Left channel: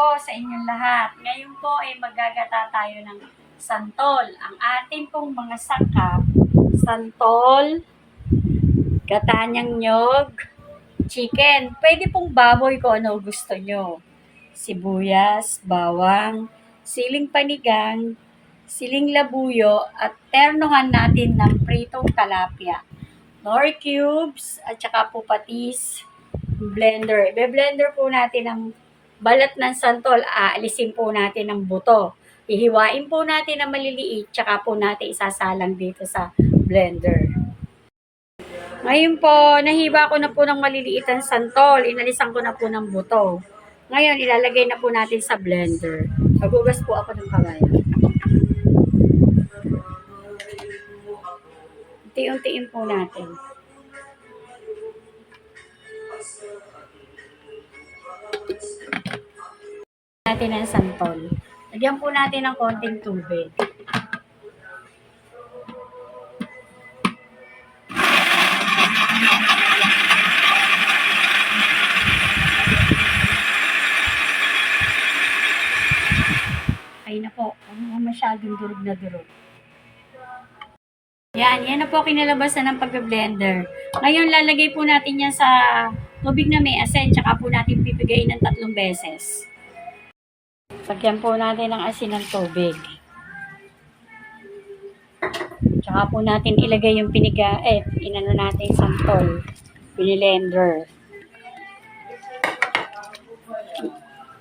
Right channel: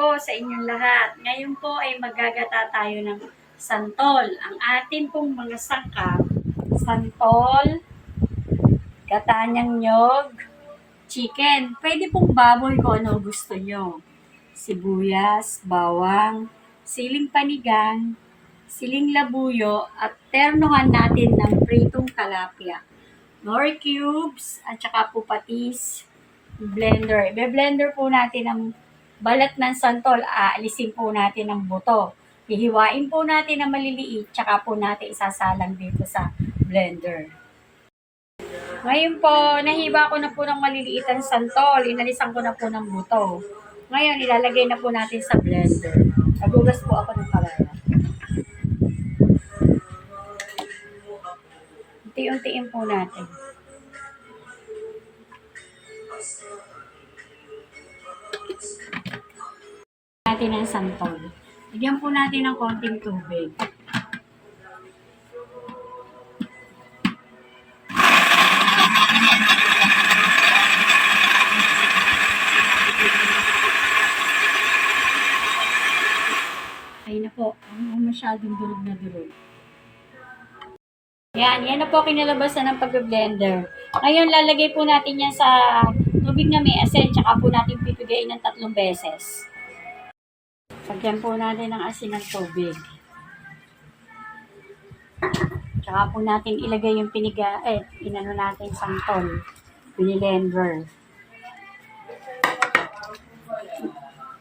po sa inyong lahat. Ngayon po ay maggagata tayo ng santol. Ang atin pong mga sangkap, santol, gatanyang nyog, chicken. Pwede pong baboy kung ano gusto nyo. Sibuyas, bawang, siling panigang, siling labuyo, at ternuhan natin ng pritong talapia. Nor cubes, at saka po patis, blender. Ibe-blender po natin ang balat ng santol, aalisin po natin ang buto. Hihiwain po natin ang maliliit, tsaka po natin isasalang dito sa blender. Ngayon po, nahiwa ko na po ng maliliit ang santol, inalisan ko na po ng buto. Ngayon, ilalagay na po natin sa blender. Magugas po ako ng kawayan. Unti-untiin po natin. Natin ang santol. Lagyan po natin ng konting tubig. Ay na po, masyadong durog na durog. Yan na po kinalabasan ng pag-blender. Ngayon, lalagay po natin yan sa tubig na may asin, tsaka po natin pipigayin ng 3 beses. Lagyan po natin ng asin ng tubig. Tsaka po natin ilagay yung inano natin santol, binilender.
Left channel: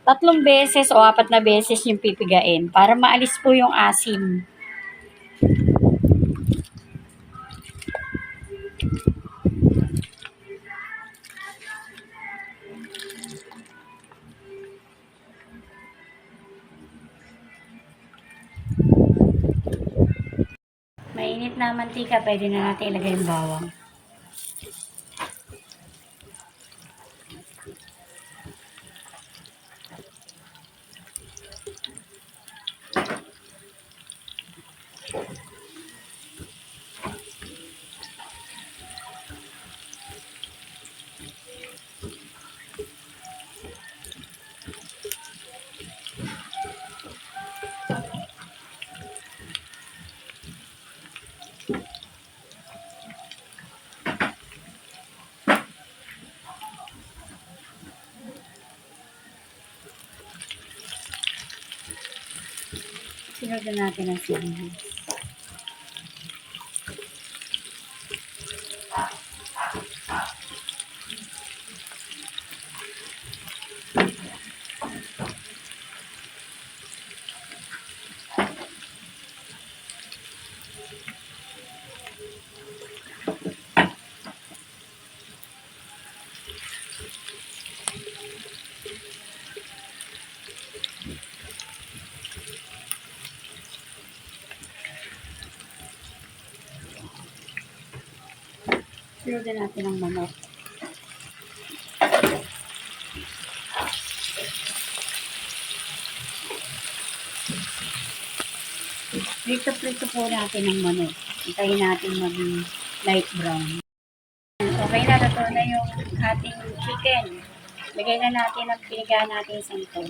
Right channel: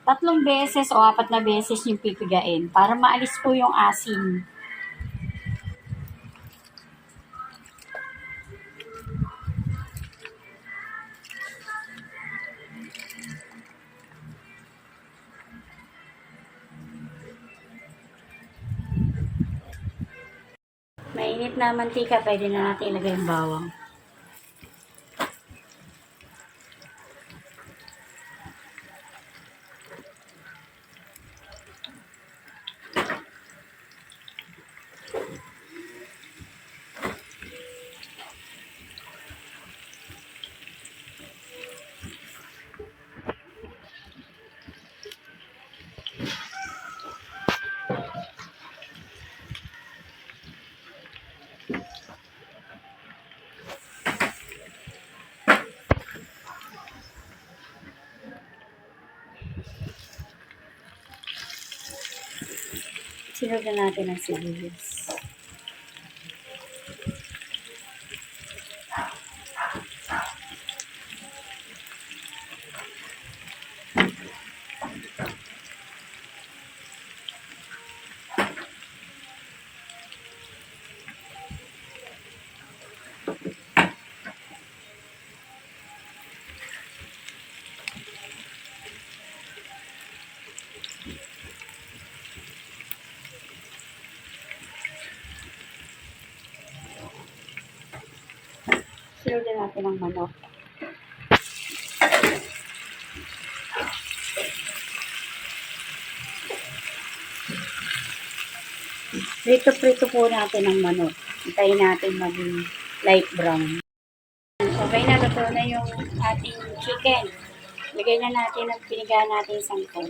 3 beses o 4 na beses yung pipigain para maalis po yung asim. Mainit na mantika, pwede na natin ilagay yung bawang. Sinugan natin ang sibuyas. Sinugan natin ang manok. Prito-prito po natin ang manok. Hintayin natin maging light brown. Okay na, luto na yung ating chicken. Lagay na natin ang piniga natin santol.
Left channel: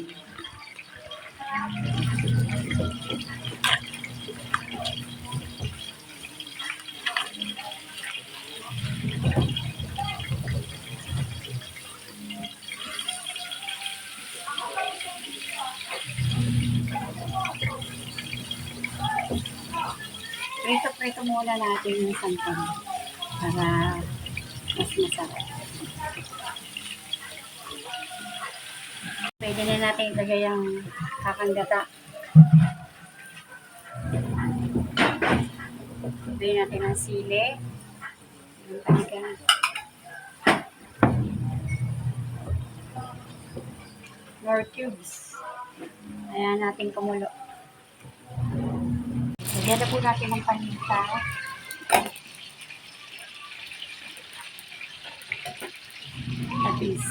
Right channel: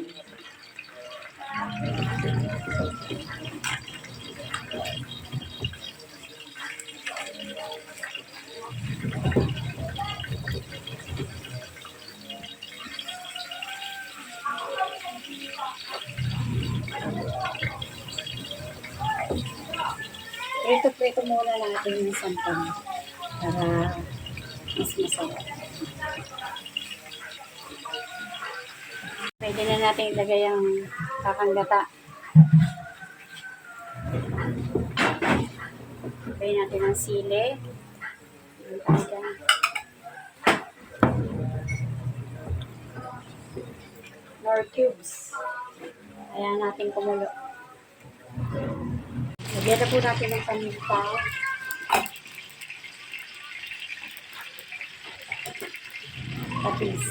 Prito-prito muna natin yung santol para mas masarap. Pwede na natin ilagay ang kakanggata. Ilagay natin ang sili. Yung panigang. Nor cubes. Ayan natin kumulo. Lagyan na po natin ng paminta. Patis.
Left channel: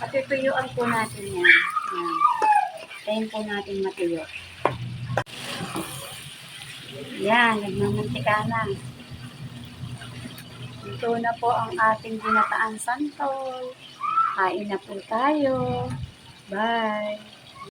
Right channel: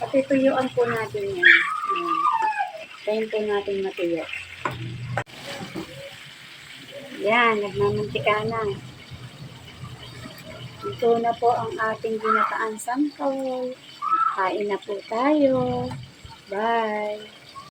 Patutuyuan po natin yan. Ayan. Tayin po natin matuyo. Yan, nagmamantika na. Ito na po ang ating ginataan santol. Kain na po tayo. Bye! Bye!